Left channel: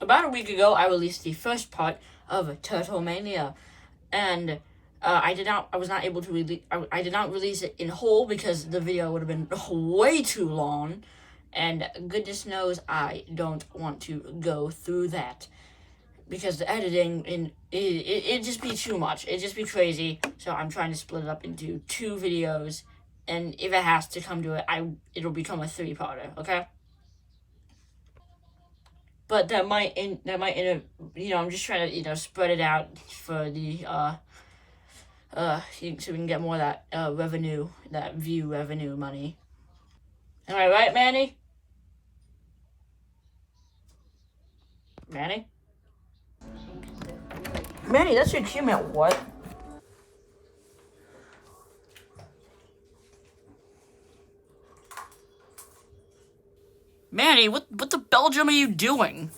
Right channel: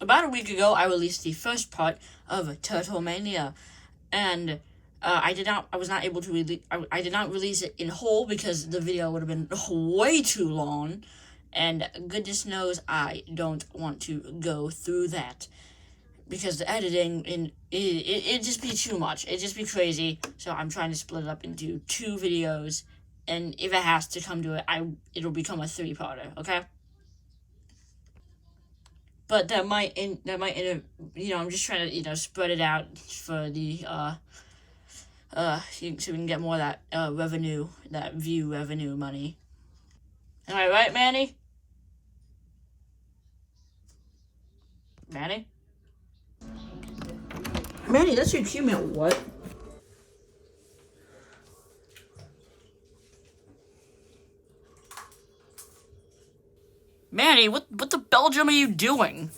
about a week ago, I released the first part of Turtle Mania, and I was not able to release. I did not release it in whole because the video would have been way too long, and goodness knows I don't want to go through that because the editing it just be too much. It just be crazy. So I'm trying to split it up into 2 videos, and if it has to come to it, it'll become a 3-parter. Okay. But I'm just trying to spread it out for the so we can get more of that revenue, that view revenue money. Am I right, Manny? Manny? Manny, that's your cue, man. What? Manny, what the Belgium are you doing?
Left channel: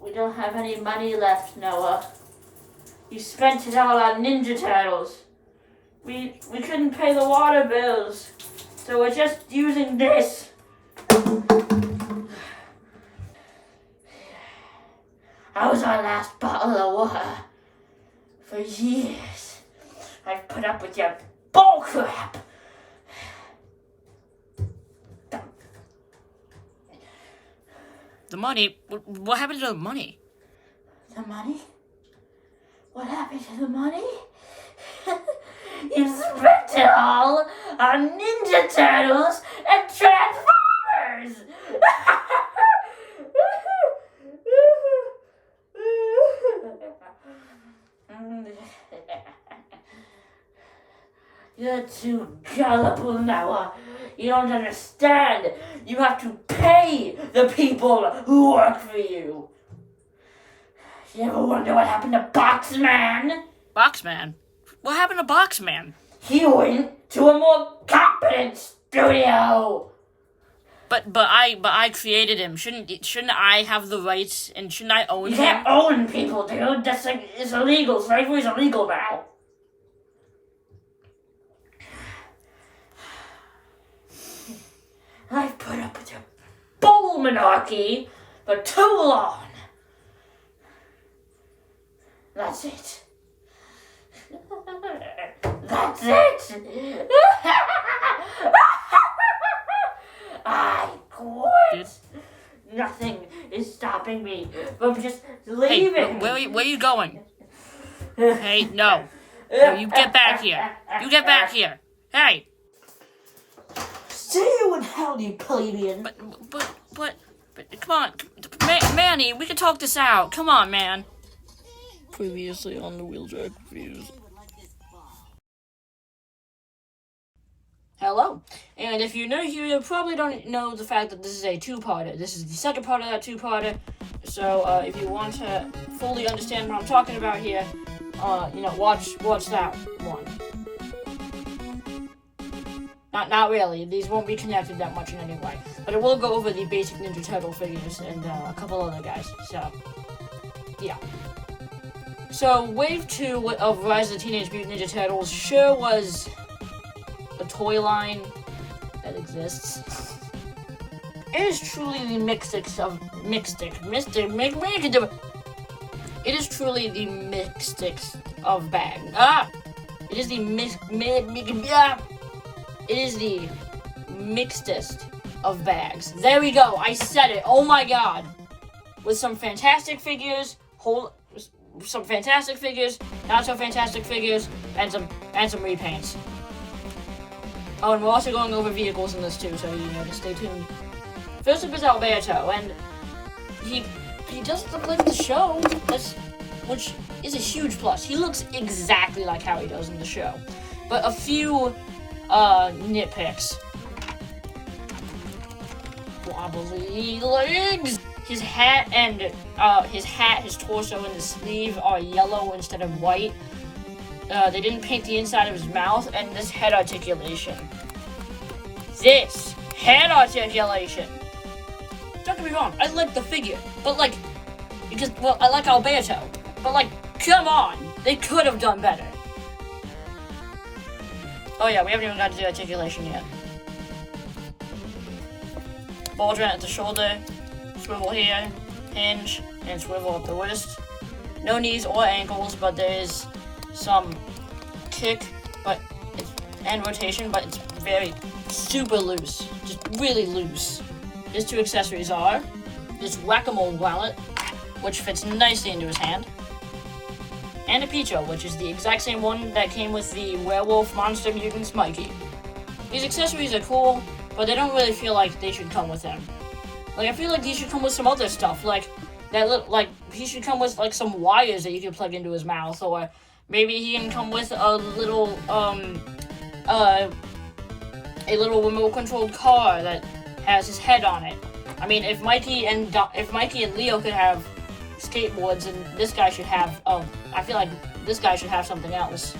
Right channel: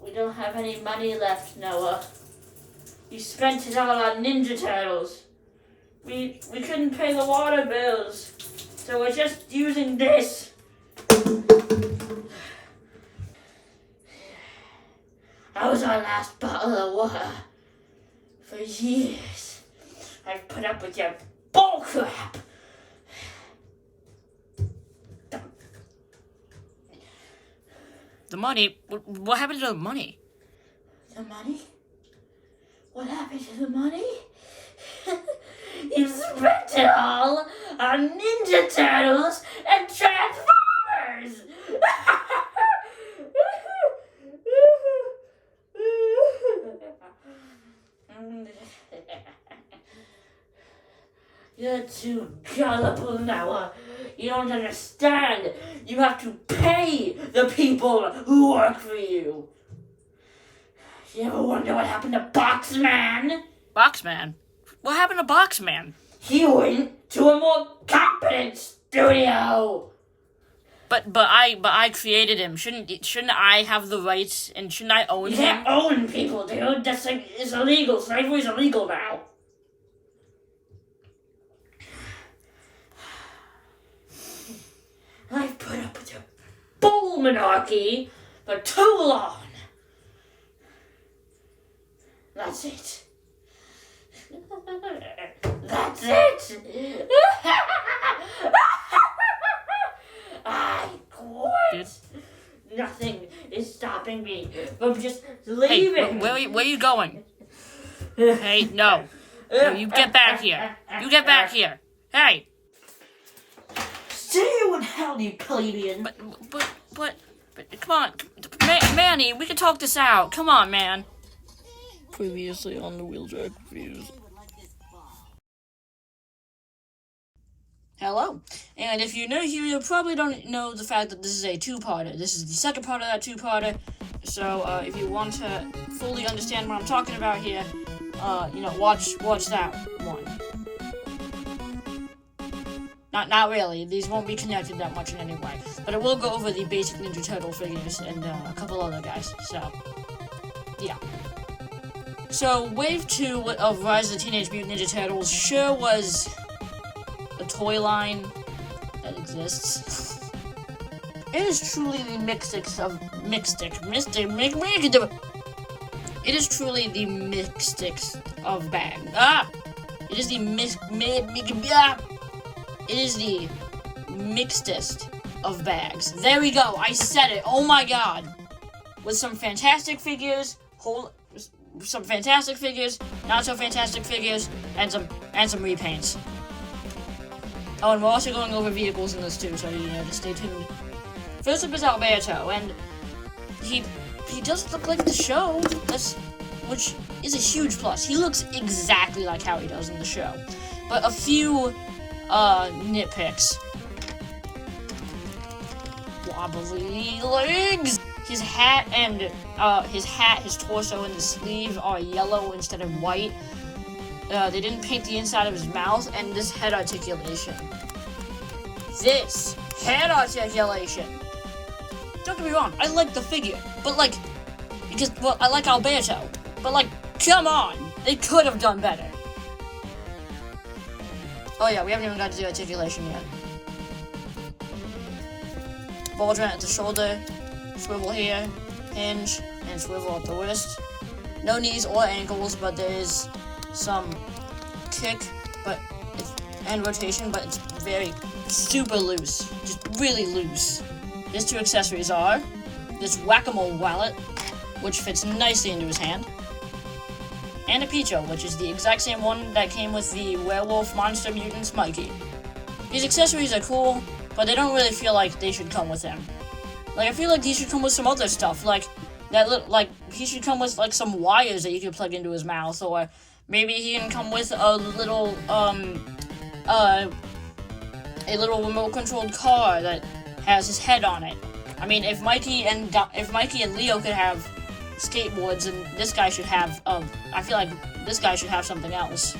We don't have any money left, Noah. You spent it all on Ninja Turtles. We couldn't pay the water bills, so we're just using this. That was our last bottle of water. For years, I've put up with your bullcrap. The money? What happened to the money? The money? What happened to the money? You spent it all on Ninja Turtles and Transformers! You're too gullible, Noah. You don't understand. You have to pay the people who work for you. You ever wonder what happened to Boxman? Boxman? What happened to Boxman? He went to a more competent studio. But I created him. Shouldn't I have the rights and shouldn't I own him? You can't own people, dude. That's it's illegal. Slavery's illegal now. I've put up with your bull monarchy for too long. That's it. That's it. I quit. Nothing is stopping me from just leaving. Hey, where are you going? Hey, no. No, you get back here. You get back here. Hey. See you in hell, you plebeian. But, come on. Manny, we can talk this out. Come on, man. Previously on the Wheeljack Reviews. Hello. And if you're new here, you probably don't know the fact that this is a 2-parter. This is the second part of that 2-parter. So, if you want to fully understand what I'm talking about here, watch that one. Not really. These won't be connected that much in any way. But I will go over the basic Ninja Turtle figures and a couple other guys. So, yeah. So, Wave 2 of Rise of the Teenage Mutant Ninja Turtles sure was a toy line that exists. It is truly the It is truly the mixtix of bag. It is the It is the mixedest of bags. There we go. I said it. Oh my god. With some fantastic figures, some fantastic figures, not so fantastic figures, and some repaints. Oh, and we're also going over vehicles in this too, so just stay tuned. First up is Alberto, and he does look like the show, which is a huge plus. He looks exactly like how he does in the show, but a few nitpicks. Wobbly legs. His hat, his torso, and the sleeve are yellow instead of white. They didn't paint the inside of his mouth, and this head articulation. Don't get me wrong, I like the figure, but I like Alberto, but come on, they could have done better. Oh yeah, we haven't even got to the articulation yet. Baldwin at the shoulder swivel here, hinge, and swivel up the wrist. No knees or ankles, but there is some kick, and rotation, but it's very super loose, just really loose. His two accessories are this whack-a-mole wallet, which fits nicely into his hand, and a Picho, which is the exact same one that came with the Werewolf Monster Mutants Mikey. These accessories are cool, but they don't really feel like they should come with him. Like, I feel like these should come with some other stuff, like he should come with like some wires that you can plug into his mouth, or maybe he can come with a little remote controlled car that has his head on it. I mean, if Mikey and Leo could have skateboards, and this guy should have, I feel like this guy should have something else.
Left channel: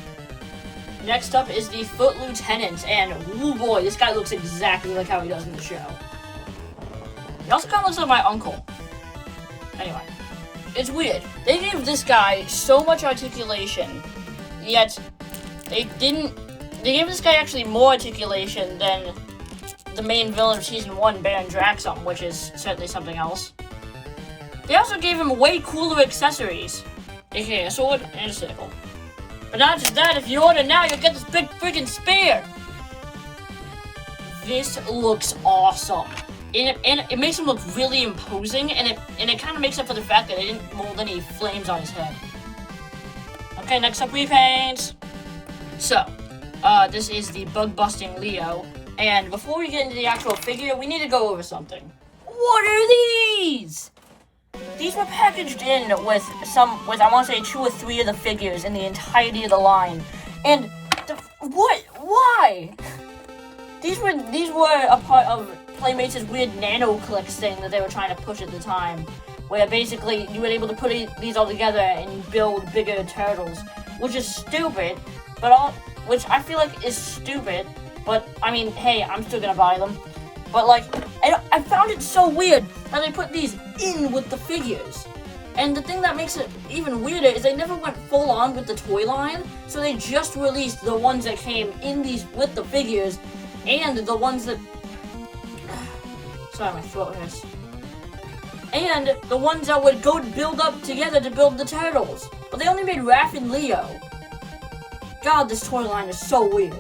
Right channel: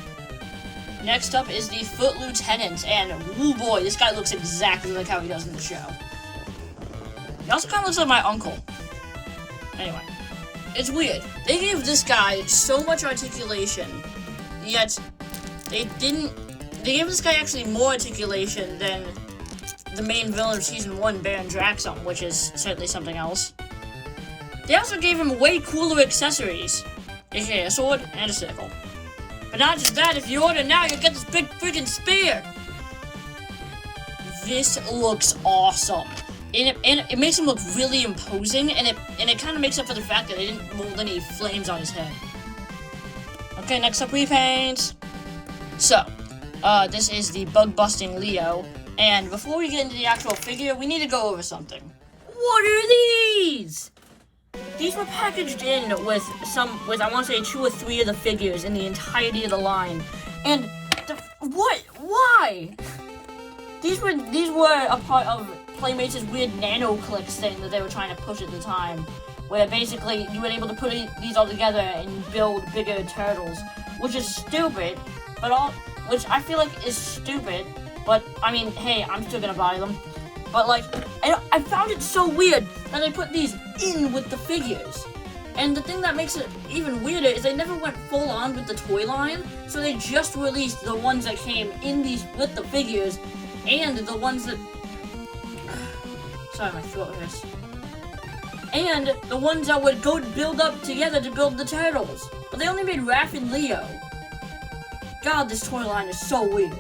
Next up is the Foot Lieutenant, and woo boy, this guy looks exactly like how he does in the show. He also kind of looks like my uncle. Anyway, it's weird. They gave this guy so much articulation, yet they gave this guy actually more articulation than the main villain of Season 1, Baron Draxum, which is certainly something else. They also gave him way cooler accessories, aka a sword and a sickle. But not just that, if you order now, you'll get this big freaking spear! This looks awesome. And it makes him look really imposing, and it kind of makes up for the fact that they didn't mold any flames on his head. Okay, next up, repaints. So, this is the bug-busting Leo, and before we get into the actual figure, we need to go over something. What are these? These were packaged in with I want to say 2 or 3 of the figures in the entirety of the line. And, what? Why? These were a part of Playmates' weird nano clicks thing that they were trying to push at the time, where basically you were able to put these all together and build bigger turtles, which is stupid, which I feel like is stupid, but I mean, hey, I'm still gonna buy them. But like, I found it so weird that they put these in with the figures. And the thing that makes it even weirder is they never went full on with the toy line, so they just released the ones that came in these with the figures, and the ones that... Sorry, my throat hurts. And the ones that would go build up together to build the turtles. But they only made Raph and Leo. God, this toy line is so weird.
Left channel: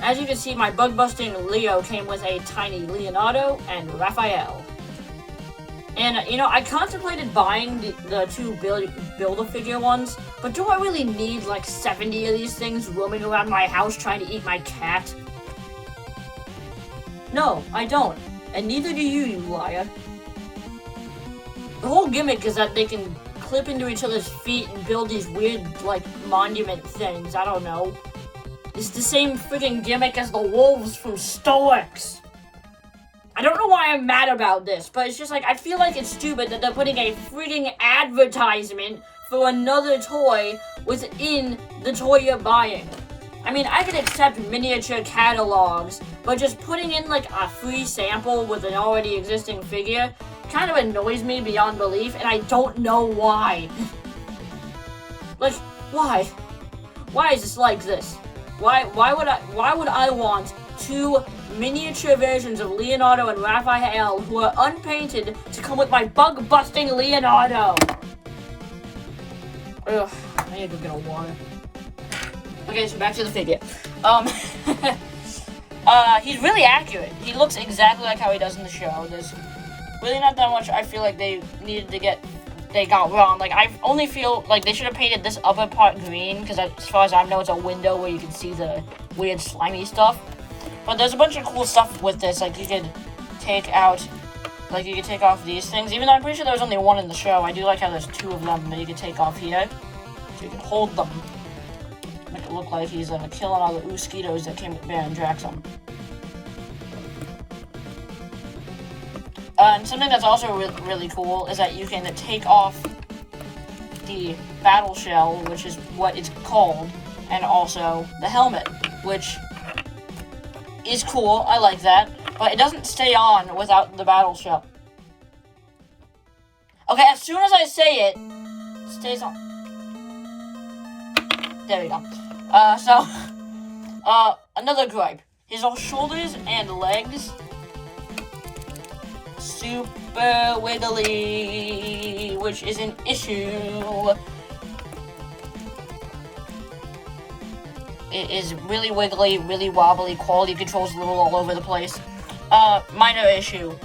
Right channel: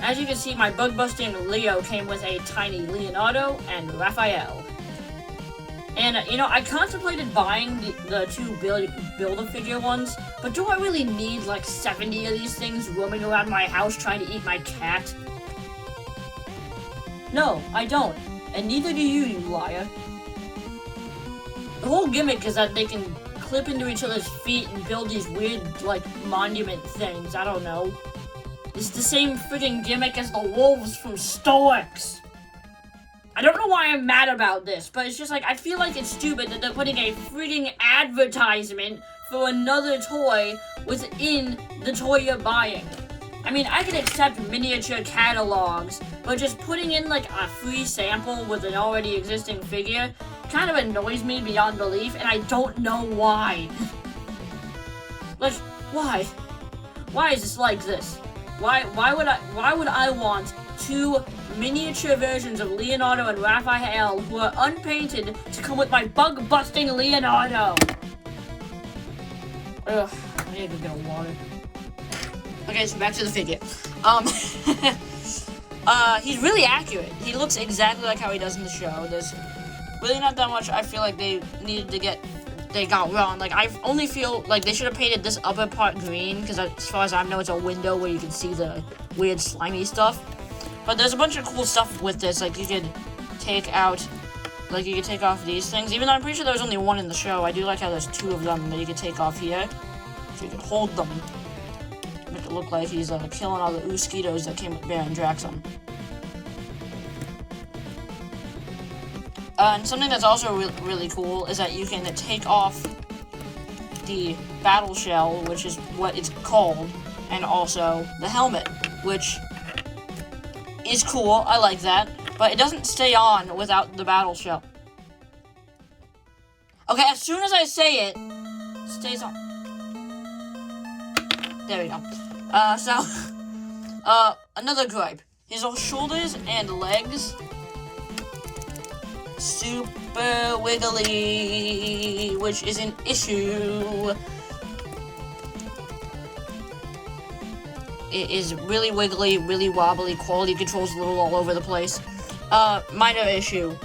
As you can see, my bug-busting Leo came with a tiny Leonardo and Raphael. And, I contemplated buying the 2 Build-A-Figure ones, but do I really need, like, 70 of these things roaming around my house trying to eat my cat? No, I don't. And neither do you, you liar. The whole gimmick is that they can clip into each other's feet and build these weird, like, monument things. I don't know. It's the same friggin' gimmick as the wolves from Stoics. I don't know why I'm mad about this, but it's just like, I feel like it's stupid that they're putting a friggin' advertisement for another toy within the toy you're buying. I mean, I can accept miniature catalogs, but just putting in, like, a free sample with an already existing figure kind of annoys me beyond belief, and I don't know why. Why? Why is this like this? Why would I want 2 miniature versions of Leonardo and Raphael who are unpainted to come with my bug-busting Leonardo? Ugh, I need to go get a water. Okay, so back to the figure. He's really accurate. He looks exactly like how he does in the show. There's really not that much I feel like they got wrong. Like, I only feel like they should have painted this upper part green, because as far as I know, it's a window where you can see the weird slimy stuff. But there's a bunch of cool stuff with this. Like, you could take off these things. Even though I'm pretty sure there was only 1 in the show, I do like how there's 2 of them that you could take off here. So you can hold them. Make it look like he's killing all the mosquitoes that came with Baron Draxum. And something that's also really cool is that you can take off the battle shell, which is what it's called, and also the helmet, which is cool. I like that, but it doesn't stay on without the battle shell. Okay, as soon as I say it, it stays on. There we go. Another gripe. His shoulders and legs super wiggly, which is an issue. It is really wiggly, really wobbly, quality control's a little all over the place. Minor issue.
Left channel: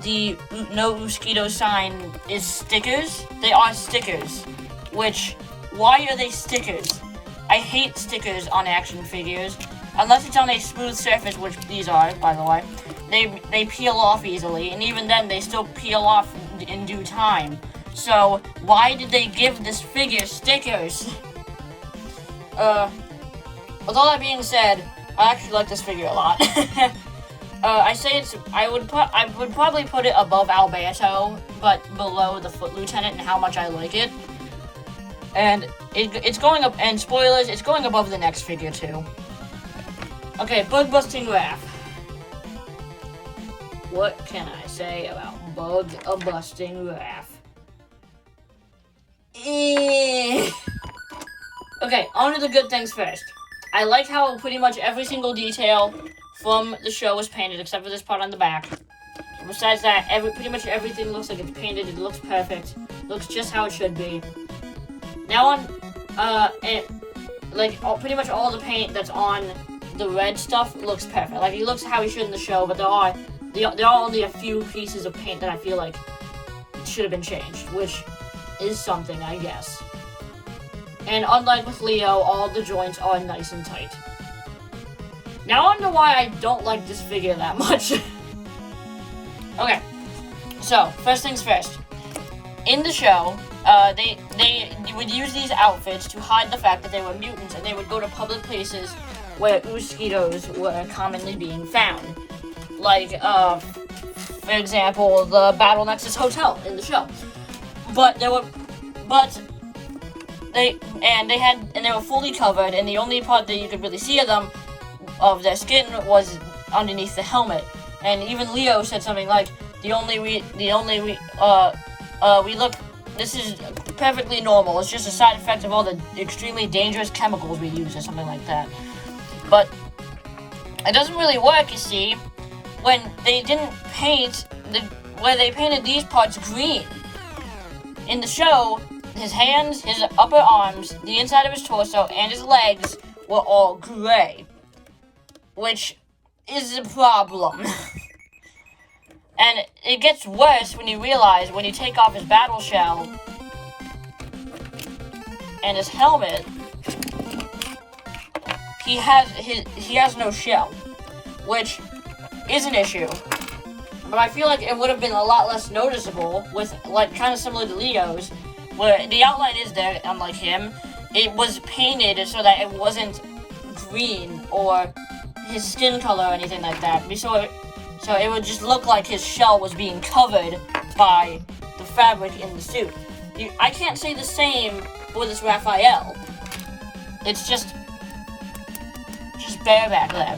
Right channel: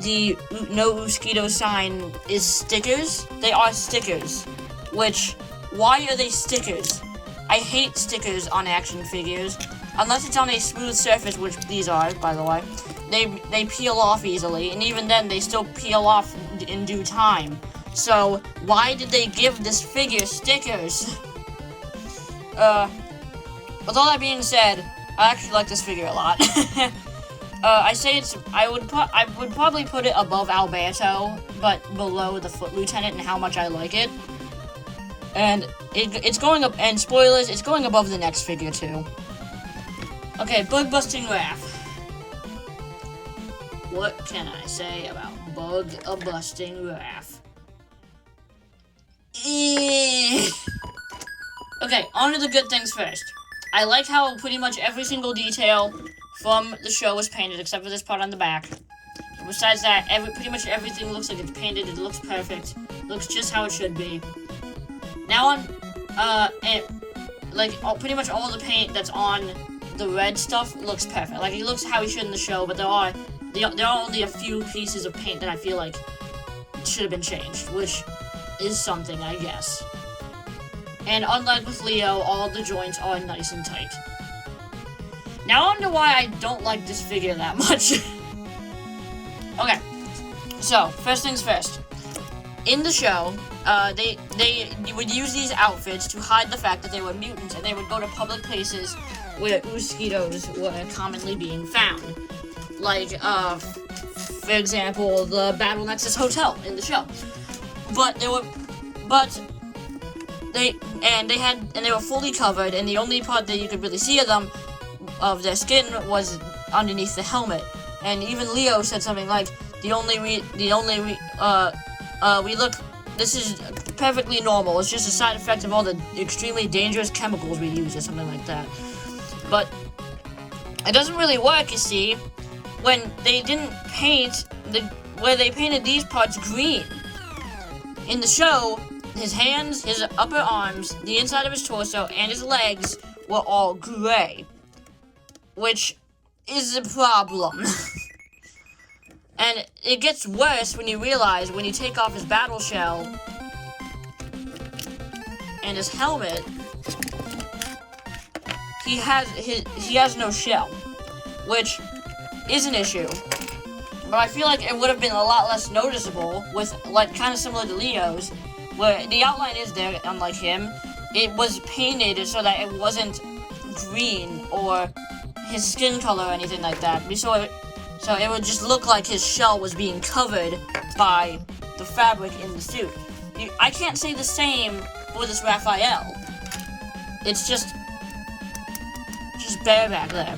The no mosquito sign is stickers. They are stickers. Which, why are they stickers? I hate stickers on action figures. Unless it's on a smooth surface, which these are, by the way. They peel off easily, and even then, they still peel off in due time. So, why did they give this figure stickers? With all that being said, I actually like this figure a lot. I would probably put it above Alberto, but below the Foot Lieutenant and how much I like it. And it's going up, and spoilers, it's going above the next figure too. Okay, Bug Busting Raph. What can I say about Bug Busting Raph? Okay, on to the good things first. I like how pretty much every single detail from the show was painted, except for this part on the back. Besides that, pretty much everything looks like it's painted. It looks perfect. It looks just how it should be. Now on, pretty much all the paint that's on the red stuff looks perfect. Like, he looks how he should in the show, but there are only a few pieces of paint that I feel like should have been changed, which is something, I guess. And unlike with Leo, all the joints are nice and tight. Now on to why I don't like this figure that much. Okay, so, first things first. In the show, they would use these outfits to hide the fact that they were mutants, and they would go to public places where mosquitoes were commonly being found. Like, for example, the Battle Nexus Hotel in the show. They were fully covered, and the only part that you could really see of their skin was underneath the helmet. And even Leo said something like, this is perfectly normal. It's just a side effect of all the extremely dangerous chemicals we use, or something like that. But it doesn't really work, you see, when they didn't paint where they painted these parts green. In the show, his hands, his upper arms, the inside of his torso, and his legs were all gray, which is a problem. And it gets worse when you realize when you take off his battle shell and his helmet, he has no shell, which is an issue. But I feel like it would have been a lot less noticeable with, like, kind of similar to Leo's, where the outline is there, unlike him. It was painted so that it wasn't green or his skin color or anything like that. So it would just look like his shell was being covered by the fabric in the suit. I can't say the same for this Raphael. It's just bareback there.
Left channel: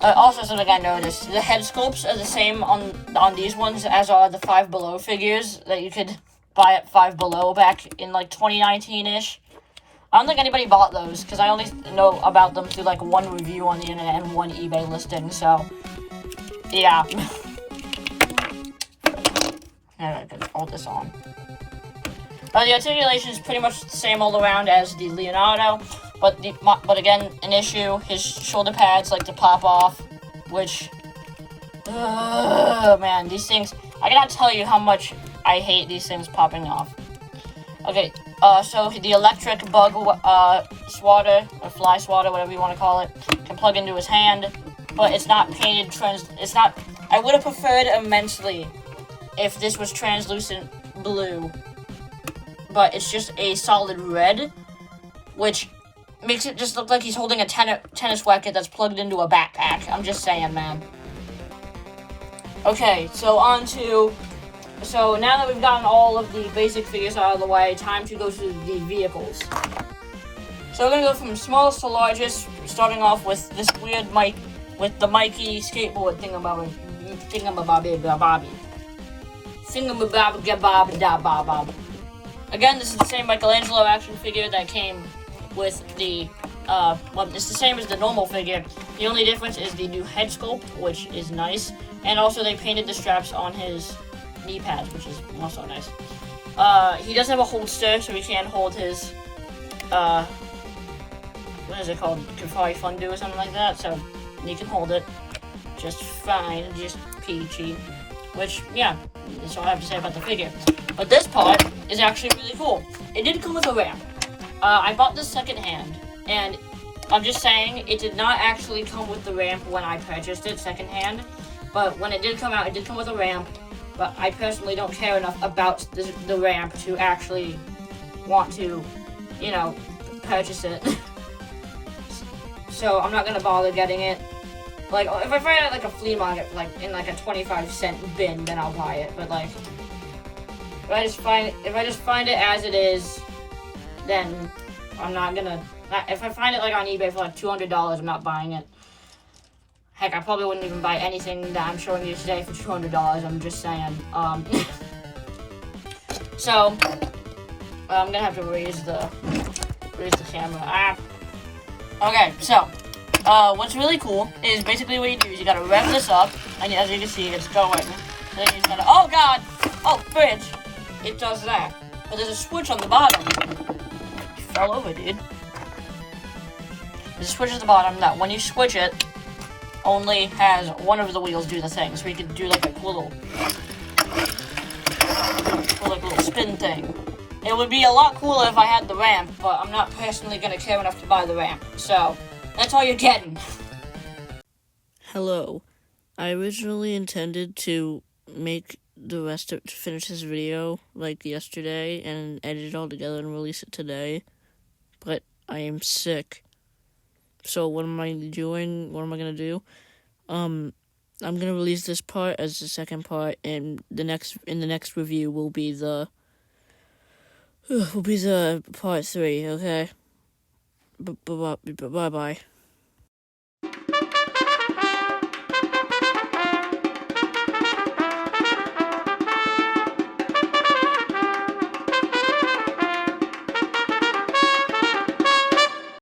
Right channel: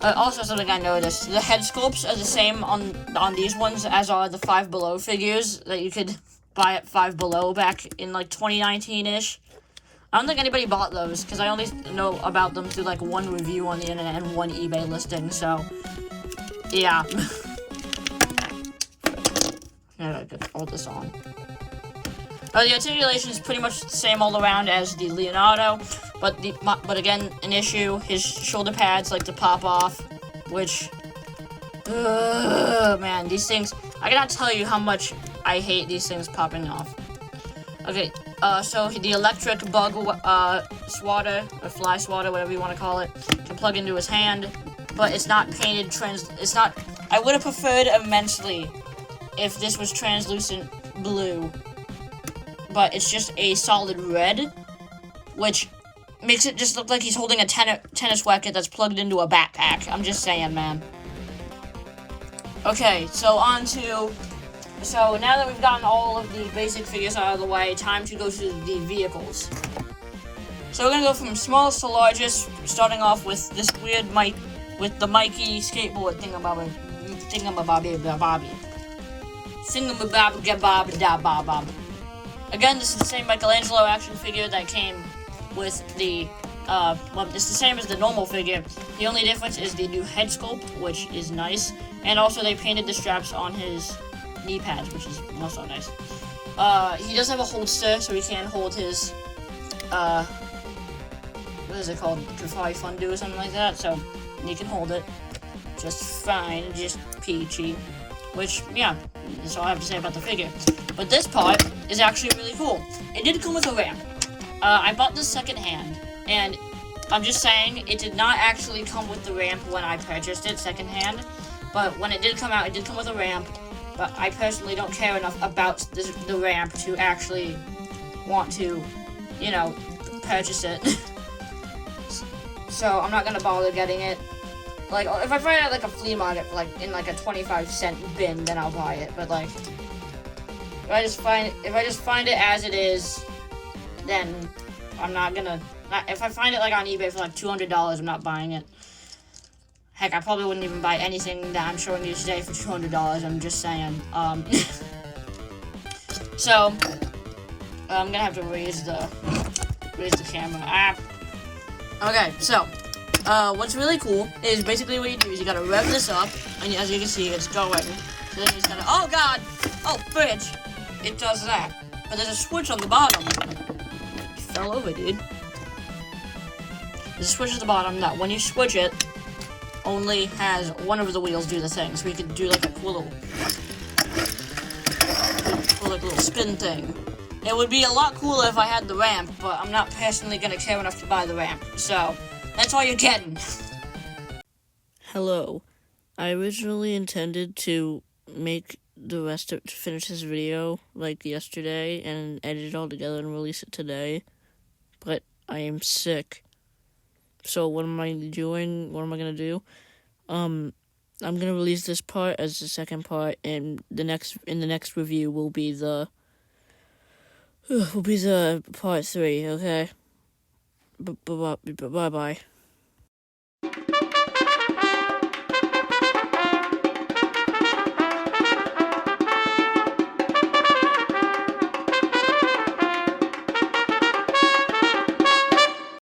Also, something I noticed, the head sculpts are the same on these ones as are the Five Below figures that you could buy at Five Below back in, like, 2019-ish. I don't think anybody bought those, because I only know about them through, like, one review on the internet and one eBay listing, so... yeah. I gotta hold this on. The articulation is pretty much the same all around as the Leonardo, but again, an issue. His shoulder pads like to pop off, which, man, these things, I cannot tell you how much I hate these things popping off. Okay, so the electric bug swatter, or fly swatter, whatever you want to call it, can plug into his hand, but it's not painted I would have preferred immensely if this was translucent blue, but it's just a solid red, which makes it just look like he's holding a tennis racket that's plugged into a backpack. I'm just saying, man. Okay, so now that we've gotten all of the basic figures out of the way, time to go to the vehicles. So we're gonna go from smallest to largest, starting off with this weird with the Mikey skateboard thingamabob. Again, this is the same Michelangelo action figure that came with the well, it's the same as the normal figure. The only difference is the new head sculpt, which is nice, and also they painted the straps on his knee pads, which is also nice. He does have a holster, so he can hold his, what is it called? Kafari Fundu or something like that, so he can hold it just fine, just peachy. Which, yeah, that's all I have to say about the figure. But this part is actually really cool. It did come with a ramp. I bought this secondhand, and I'm just saying, it did not actually come with the ramp when I purchased it secondhand. But when it did come out, it did come with a ramp. But I personally don't care enough about the ramp to actually want to, you know, purchase it. So I'm not gonna bother getting it. Like, if I find it at, like, a flea market, like, in, like, a 25-cent bin, then I'll buy it. But, like, if I just find it as it is, then I'm not gonna... If I find it, like, on eBay for, like, $200, I'm not buying it. Heck, I probably wouldn't even buy anything that I'm showing you today for $200, I'm just saying. So, I'm gonna have to raise the camera. Okay, so... what's really cool is basically what you do is you gotta rev this up, and as you can see, it's going. So then you just gotta, oh god! Oh, fridge! It does that. But there's a switch on the bottom. You fell over, dude. There's a switch at the bottom that when you switch it, only has one of the wheels do the thing. So you can do like a cool little spin thing. It would be a lot cooler if I had the ramp, but I'm not personally gonna care enough to buy the ramp. So... that's all you're getting. Hello. I originally intended to finish this video like yesterday and edit it all together and release it today, but I am sick. So what am I doing? What am I gonna do? I'm gonna release this part as the second part, and in the next review will be the part 3. Okay. Bye bye.